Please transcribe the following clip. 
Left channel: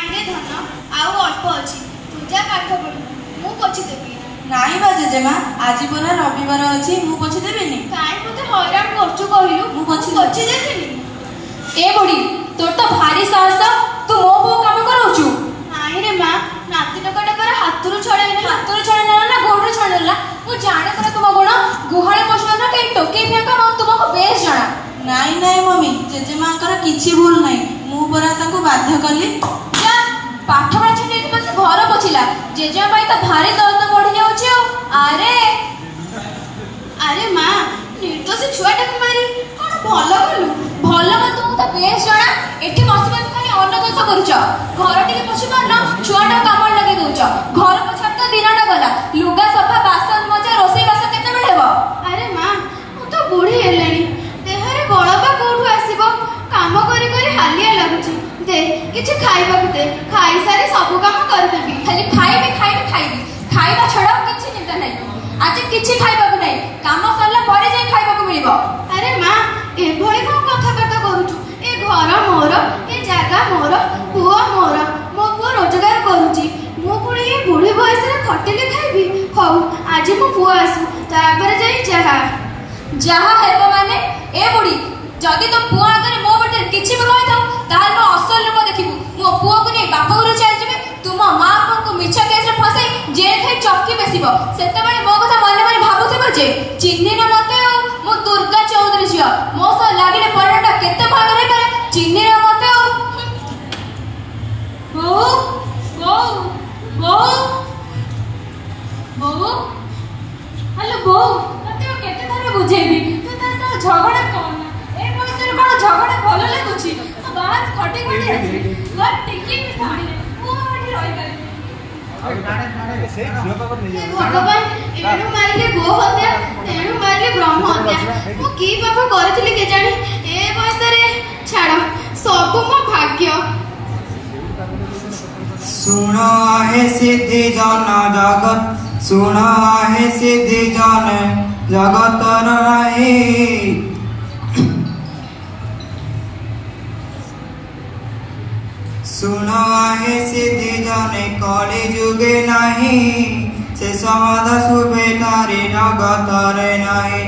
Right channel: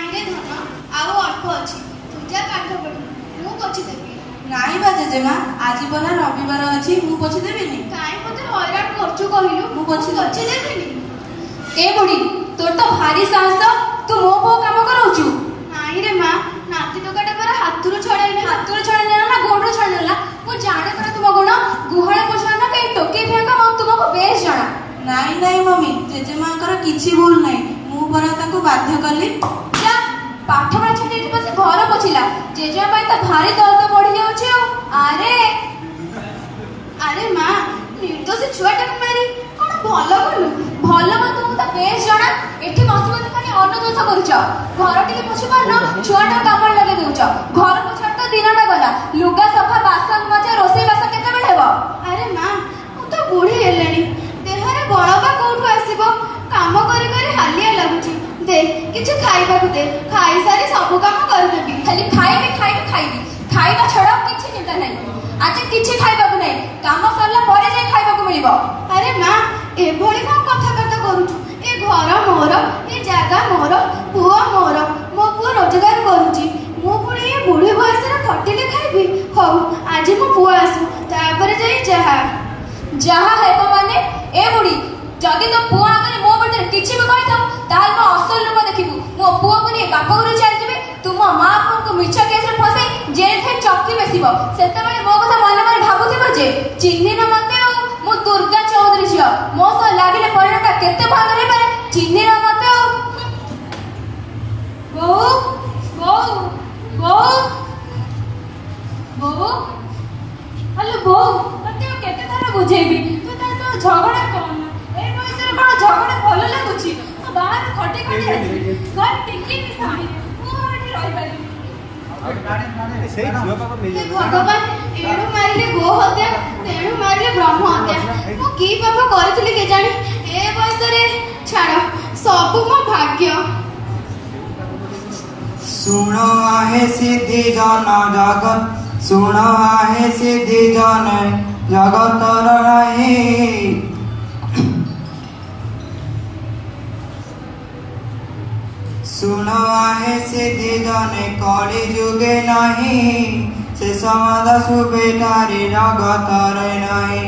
नाइरे धन आउ अल्प अछि तू जा पाठ पढ़ मु पोछि देबी। नाई बा जेजेमा आज परा रविवार अछि मु पोछि देबिनी। काई मते हैरान करछु कहिलु मु पोछि देबिनी। ए बुढ़ी तोर तो भारी साहस तू मो पो काम करौछु। नाई रे मां नाती टोकाटा पर हातुरु छड़ाई ना गोड़ छड़ाई ना मु जाने पर तुम गुण गुहाळे पोछना ना के टोके फेका मु तुमको बेस जणा। नाई नाई मम्मी जेजेमाकर किछि भूल नाही मु परा ताको बाध्य कली। जा पाठ पढ़ा छटी बस घर पोछिला जेजे भाई तो भारी दर्द बढ़ी जाउछे। अरे अरे मां निर्दोष छुआटा को मारी कोन भलो मत तुमको तो बेस जणा एठी बसी बसी खाली अनदोष करूछ। घर टिके पोछि पारना छुआटा काम लगे दउछ घर पोछा तो दिनटा गला लुगा सफा बासन मजा रोसई बास केते बेले हेबो। अरे मां मु तो बूढ़ी हेलेनी देहरे बळबा कोठु आसीबो काम करी करी हालिया लागुची दे किछि खाइबा को दे खाई सारी सब काम कर देबी। खाली खाइबी खाइबा छडा किछि निका नै आज किछि खाइबा को नै काम सरला परे जाय खाइबा को मिलिबो। अरे मां ए भଳି कोन कथा कथा करूछु ए घर मोर ए जागा मोर पुआ मोर मो पुआ रोजगार करूची मो पुणी ए बूढ़ी बयस रे खटिले खाइबी। हौ आज मो पुआ आसु तापर जाई जहा हेबो माने ए बुढ़ी जदी तो पुआ आगे मो बडे किछि भी कहि थाउ ताल मो असल रूप देखिबु मो पुआ को नै बापा गुरु चल जिबे तुम मां को मिछा केस रे फसई जेल थे चौकी बेसिबो सेते बेले मो कथा मन करे भाबुथिबो जे चिन्नी न मते मो दुर्गा चौधरी छियो मो स लागिले परिणामटा केते भाग रे पारे चिन्नी न मते बो हेलो बो तते केते थारे बुझेबी तू ता झगड़ा कोन ए बयस रे कोन झगड़ा भलो लागुची तो बाहर खटे खटे आसी घर टिकी के सामने मु एठी रहि पारी। भगवान एणु मारिले गो हत्या तेणु मारिले ब्रह्म हत्या मु की पाप करथिली के जानी ए बयस रे छाड़ सब मो भाग्य। सुनो आहे सिद्धि जन जगत सुनो आहे सिद्धि जन जगतर नाही सुनो आहे सिद्धि जने कली जुगे नाही से समाध सुबे तारी जगतरे नाही।